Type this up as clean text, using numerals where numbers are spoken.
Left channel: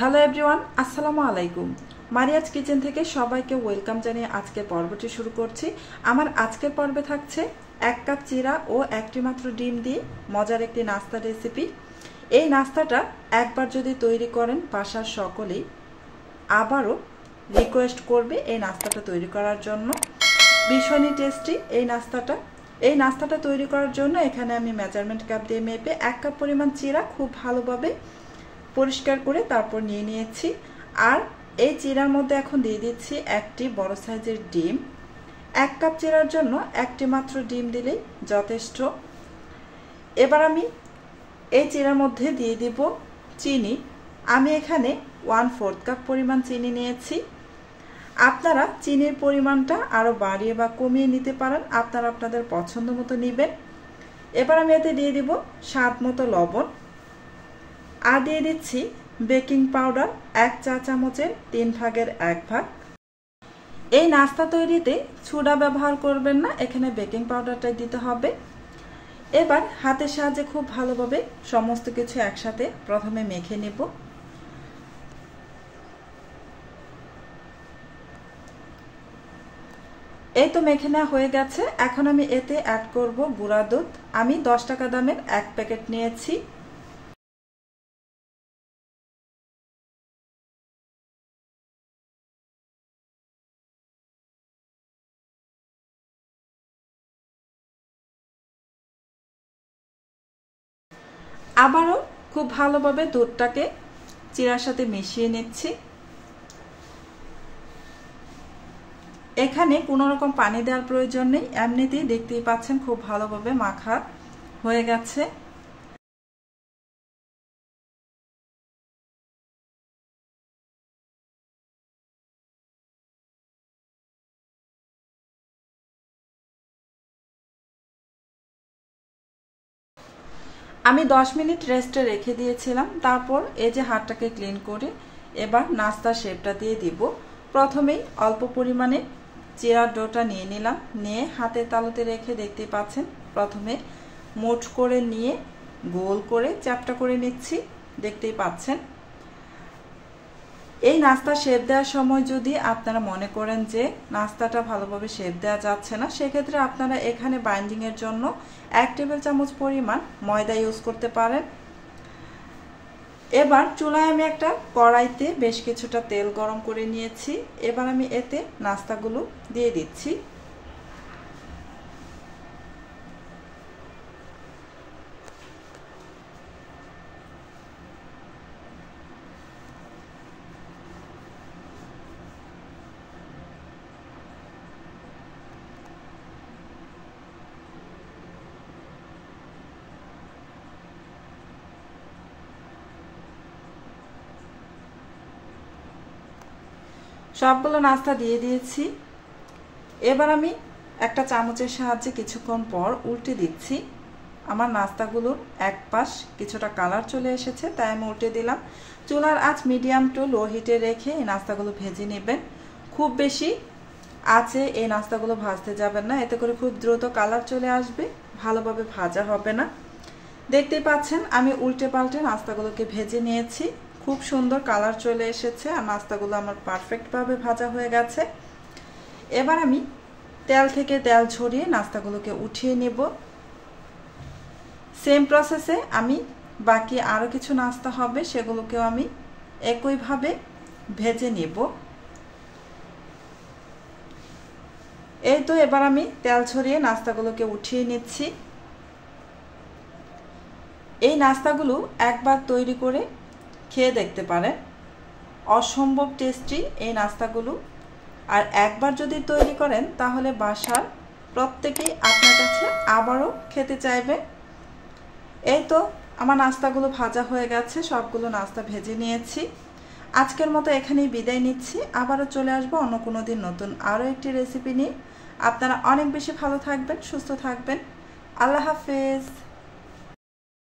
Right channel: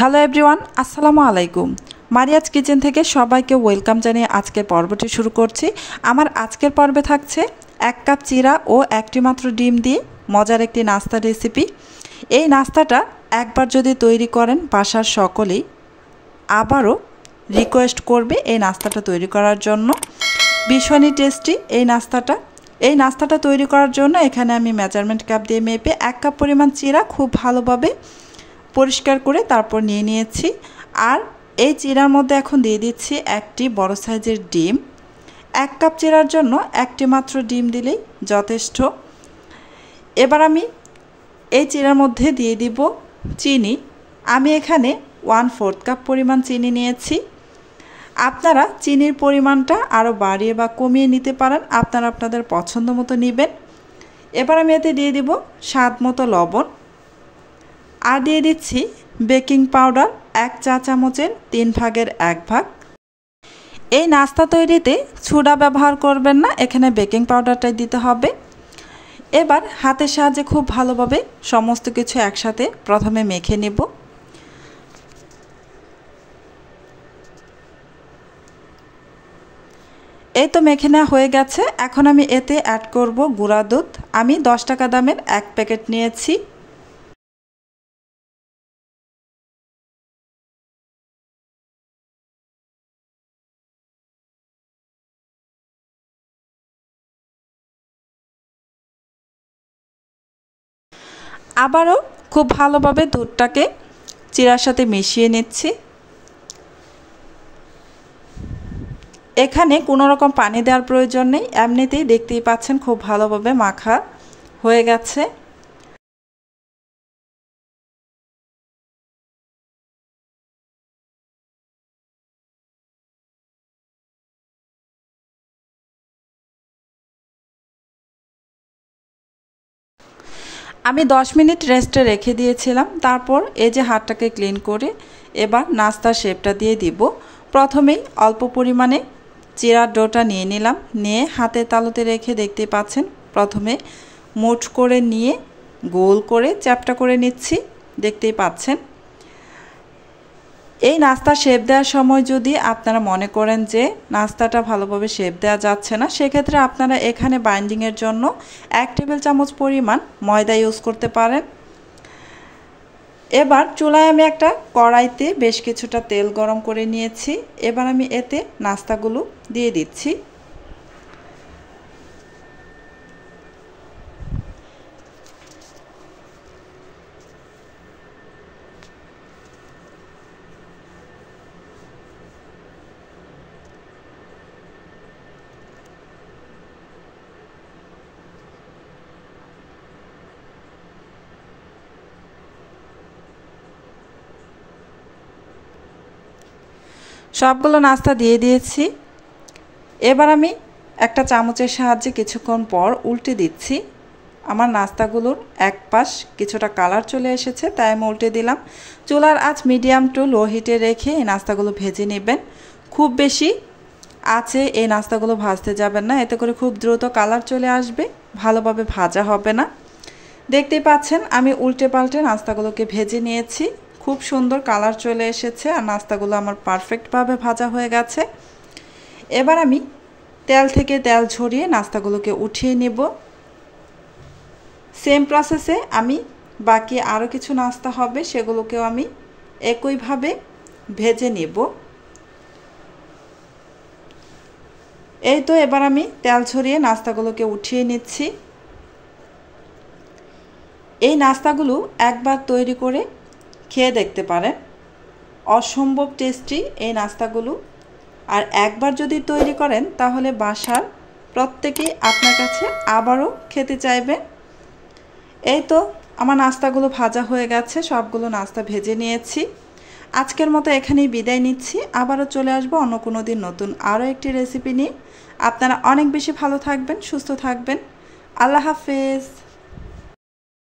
Hello everyone, আসসালামু আলাইকুম। Mariya's kitchen থেকে সবাইকে ওয়েলকাম জানিয়ে আজকের পর্বটি শুরু করছি। আমার আজকের পর্বে থাকছে 1 কাপ চিরা ও একটি মাত্র ডিম দিয়ে মজার একটি নাস্তা রেসিপি। এই নাস্তাটা একবার যদি তৈরি করেন বাসার সকলেই আবারও রিকোয়েস্ট করবে এই নাস্তাটা তৈরি করার জন্য। ভীষণই টেস্টি এই নাস্তাটা তৈরি করার জন্য এখানে আমি মেজারমেন্ট কাপ দিয়ে মেপে 1 কাপ পরিমাণ চিরা খুব ভালোভাবে পরিষ্কার করে তারপর নিয়ে নিয়েছি। আর এই চিরার মধ্যে এখন দিয়ে দিচ্ছি একটি বড় সাইজের ডিম। 1 কাপ চিরার জন্য একটি মাত্র ডিম দিলেই যথেষ্ট। এবার আমি এই চিরার মধ্যে দিয়ে দিব চিনি। আমি এখানে 1/4 কাপ পরিমাণ চিনি নিয়েছি। আপনারা চিনির পরিমাণটা আরও বাড়িয়ে বা কমিয়ে নিতে পারেন, আপনারা আপনাদের পছন্দ মতো নেবেন। এবার আমি এতে দিয়ে দিব স্বাদ মতো লবণ আর দিয়ে দিচ্ছি বেকিং পাউডার 1 চা চামচের 3 ভাগের 1 ভাগ। এই নাস্তা তৈরিতে সোডা ব্যবহার করবেন না, এখানে বেকিং পাউডারটাই দিতে হবে। এবার হাতের সাহায্যে খুব ভালোভাবে সমস্ত কিছু একসাথে প্রথমে মেখে নেব। এই তো মেখে নেওয়া হয়ে গেছে। এখন আমি এতে অ্যাড করব গুঁড়া দুধ। আমি 10 টাকা দামের 1 প্যাকেট নিয়েছি। আবারও খুব ভালোভাবে দুধটাকে চিরার সাথে মিশিয়ে নিচ্ছি। এখানে কোনো রকম পানি দেওয়ার প্রয়োজন নেই, এমনিতেই দেখতেই পাচ্ছেন খুব ভালোভাবে মাখা হয়ে গেছে। আমি 10 মিনিট রেস্টে রেখে দিয়েছিলাম। তারপর এই যে হাতটাকে ক্লিন করে এবার নাস্তার শেপটা দিয়ে দিব। প্রথমেই অল্প পরিমাণে চিরার ডোটা নিয়ে নিলাম, নিয়ে হাতের তালুতে রেখে দেখতেই পাচ্ছেন প্রথমে মুঠ করে নিয়ে গোল করে চ্যাপটা করে নিচ্ছি, দেখতেই পাচ্ছেন। এই নাস্তা শেপ দেওয়ার সময় যদি আপনারা মনে করেন যে নাস্তাটা ভালোভাবে শেপ দেওয়া যাচ্ছে না, সেক্ষেত্রে আপনারা এখানে বাইন্ডিংয়ের জন্য 1 টেবিল চামচ পরিমাণ ময়দা ইউজ করতে পারেন। এবার চুলায় আমি একটা কড়াইতে বেশ কিছুটা তেল গরম করে নিয়েছি। এবার আমি এতে নাস্তাগুলো দিয়ে দিচ্ছি। সবগুলো নাস্তা দিয়ে দিয়েছি। এবার আমি একটা চামচের সাহায্যে কিছুক্ষণ পর উল্টে দিচ্ছি। আমার নাস্তাগুলোর এক পাশ কিছুটা কালার চলে এসেছে, তাই আমি উল্টে দিলাম। চুলার আঁচ মিডিয়াম টু লো হিটে রেখে এই নাস্তাগুলো ভেজে নেবেন। খুব বেশি আছে এই নাস্তাগুলো ভাজতে যাবেন না, এতে করে খুব দ্রুত কালার চলে আসবে, ভালোভাবে ভাজা হবে না। দেখতেই পাচ্ছেন আমি উল্টে পাল্টে নাস্তাগুলোকে ভেজে নিয়েছি। খুব সুন্দর কালার চলে এসেছে আর নাস্তাগুলো আমার পারফেক্টভাবে ভাজা হয়ে গেছে। এবার আমি তেল থেকে তেল ঝরিয়ে নাস্তাগুলোকে উঠিয়ে নেব। সেম প্রসেসে আমি বাকি আরও কিছু নাস্তা হবে সেগুলোকেও আমি একইভাবে ভেজে নেব। এই তো এবার আমি তেল ঝরিয়ে নাস্তাগুলোকে উঠিয়ে নিচ্ছি। এই নাস্তাগুলো একবার তৈরি করে খেয়ে দেখতে পারেন, অসম্ভব টেস্টি এই নাস্তাগুলো। আর একবার যদি তৈরি করেন তাহলে বাসার প্রত্যেকেই আপনার কাছে আবারও খেতে চাইবে। এই তো আমার নাস্তাগুলো ভাজা হয়ে গেছে, সবগুলো নাস্তা ভেজে নিয়েছি। আজকের মতো এখানেই বিদায় নিচ্ছি। আবারও চলে আসবো অন্য কোনো দিন নতুন আরও একটি রেসিপি নিয়ে। আপনারা অনেক বেশি ভালো থাকবেন, সুস্থ থাকবেন। আল্লাহ হাফেজ।